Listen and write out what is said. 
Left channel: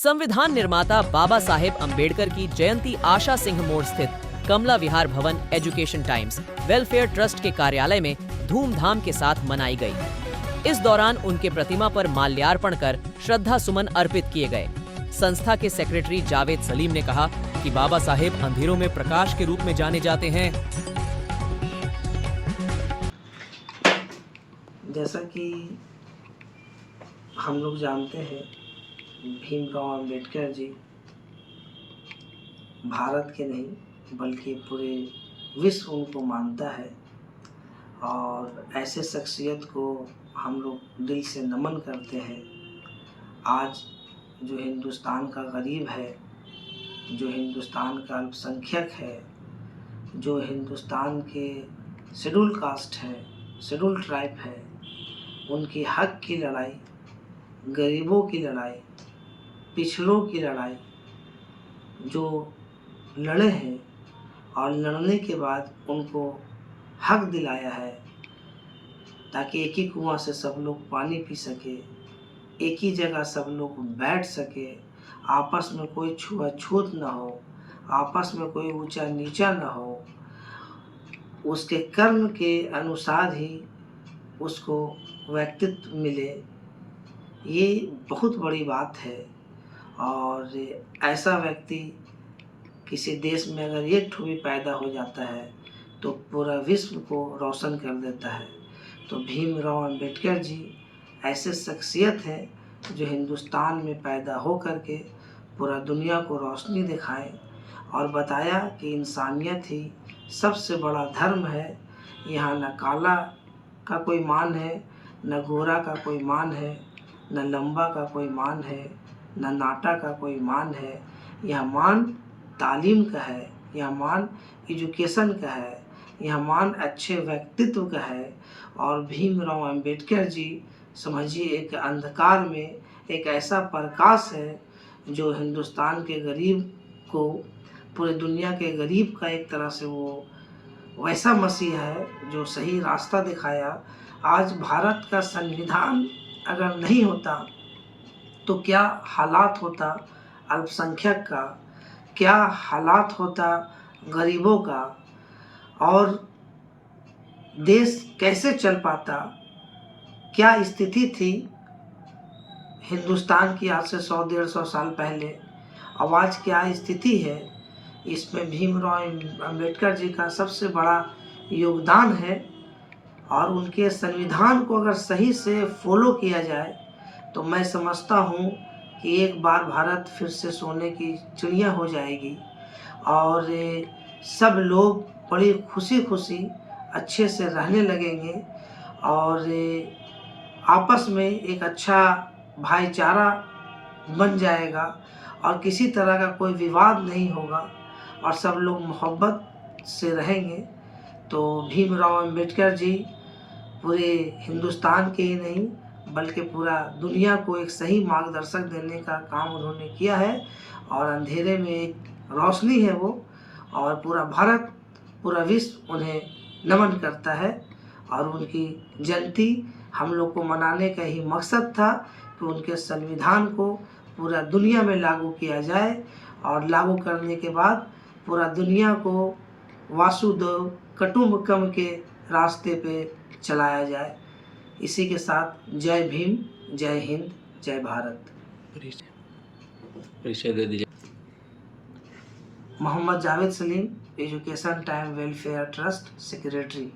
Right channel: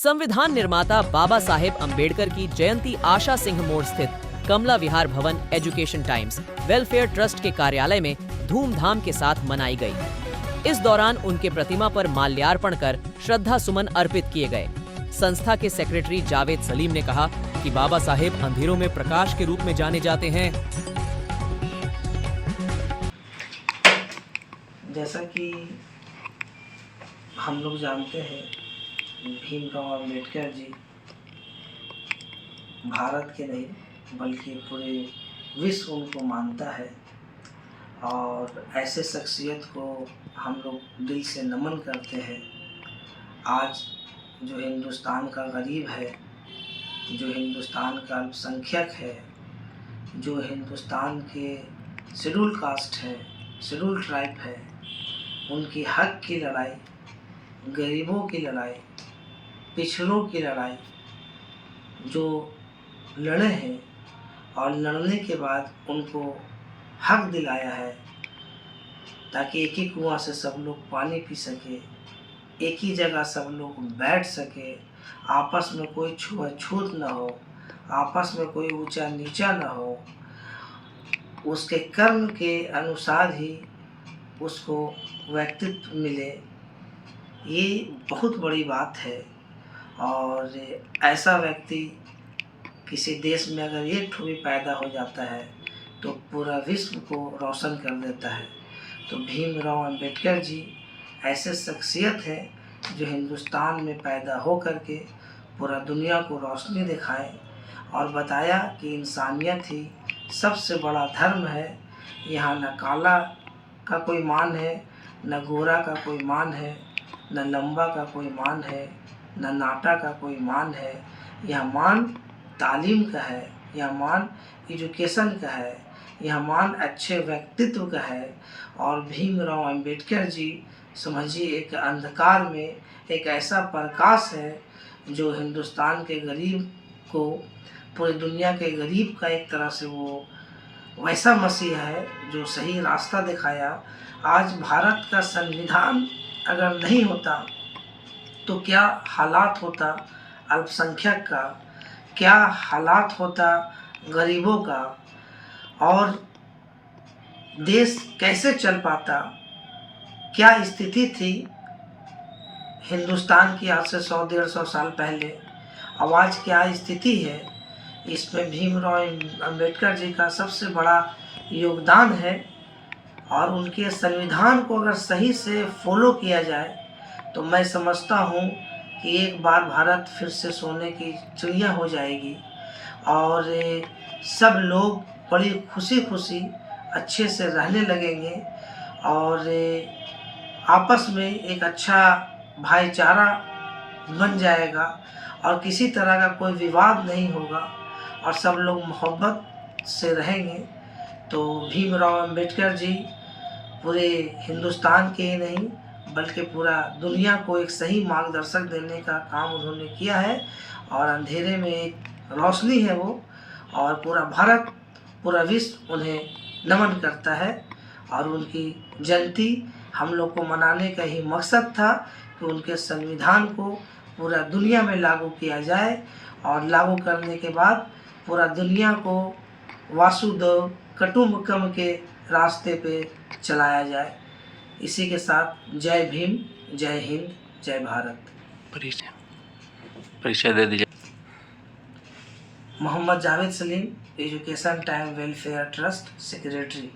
संविधान निर्माता बाबा साहेब अम्बेडकर की जयंती आशा सिंह मोड़ स्थित कमला विहार भवन एजुकेशन टाइम्स वेलफेयर ट्रस्ट के कार्यालय में धूमधाम के साथ मनाई गई। इस दौरान उनके प्रतिमा पर माल्यार्पण कर श्रद्धा सुमन अर्पित किए गए। संस्था के सेक्रेटरी जावेद सलीम ने कहा कि बाबा साहेब अंधेरों में प्रकाश के रूप में जाने जाते हैं। जैसा कि हम लोग जानते हैं, भीमराव अम्बेडकर जी भारत के नहीं बल्कि पूरे विश्व उनको मानता है और ऐसे शख्सियत को हम लोग दिल से नमन करते हैं। आज जो हिंदुस्तान का गरीब है, जो हिंदुस्तान का अल्पसंख्यक है, जो हिंदुस्तान के शेड्यूल कास्ट है, शेड्यूल ट्राइब है, उनकी हक की लड़ाई, गरीबों की लड़ाई, पिछड़ों की लड़ाई जो लड़े हैं और लड़ने के बाद उनको हक दिलाया है ताकि एक ही कुआं से सब लोग पानी पी सके, एक ही जगह सब लोग बैठ सके, आपस में कोई छुआछूत न हो, आपस में कोई ऊंचा नीचा न हो, उसके कर्म के अनुसार ही उसको व्यक्तित्व मिले। ये बहुत बड़ी बात है और ऐसा व्यक्ति किसी देश में अगर एक ठो भी पैदा हो जाता है तो पूरा विश्व को रोशन कर देता है। तो भीमराव अम्बेडकर जी ऐसे शख्सियत हैं जो हिंदुस्तान में पैदा हो करके पूरा दुनिया को रोशनी दिखाएं और बताया कि इंसानियत ही सबसे बड़ा धर्म है। यहाँ न काला का कोई मान है, न गोरा का कोई मान है, न लंबा का कोई मान है, न नाटा का कोई मान है। यह मान तालीम का है, यह मान एजुकेशन का है, यह मान अच्छे व्यक्तित्व का है। और भीमराव अम्बेडकर जी समझिए एक अंधकार में एक ऐसा प्रकाश है जो हिंदुस्तान के गरीब को, पूरे दुनिया के गरीब का एक तरह से वो वैसा मसीह है जो सही रास्ता दिखाया। आज भारत का संविधान अगर नहीं होता तो क्या हालात होता अल्पसंख्यक का, क्या हालात होता गरीबों का, और देश कैसे चल पाता, क्या स्थिति थी हिंदुस्तान की आज से 100-150 साल पहले, अब आज क्या स्थिति है। इसमें भीमराव अम्बेडकर जी का सबसे बड़ा योगदान है और उनके संविधान को अगर सही से फॉलो किया जाए तो मैं समझता हूँ कि एक बार भारत फिर से सोने की चिड़िया हो जाएगी और सब लोग बड़ी खुशी खुशी अच्छे से रहने लगेंगे और आपस में एक अच्छा भाईचारा बन जाएगा और किसी तरह का कोई विवाद नहीं होगा और सब लोग मोहब्बत से रहेंगे। तो भीमराव अम्बेडकर जी पूरे हिंदुस्तान के ही नहीं बल्कि पूरा दुनिया को एक सही मार्गदर्शक देने का काम उन्होंने किया है और अंधेरे में एक रोशनी है वो, और पूरा भारत, पूरा विश्व उन्हें नमन करता है। और उनकी जयंती हम लोग को मनाने का ही मकसद था कि उनके संविधान को पूरा दुनिया में लागू किया जाए और लागू करने के बाद पूरा दुनिया को वासुदेव कुटुंबकम के रास्ते पे चलाया जाए। इसी के साथ जय भीम, जय हिंद, जय भारत। परिचय दे दीजिए। Mohammad Javed Salim, education time welfare trust secretary.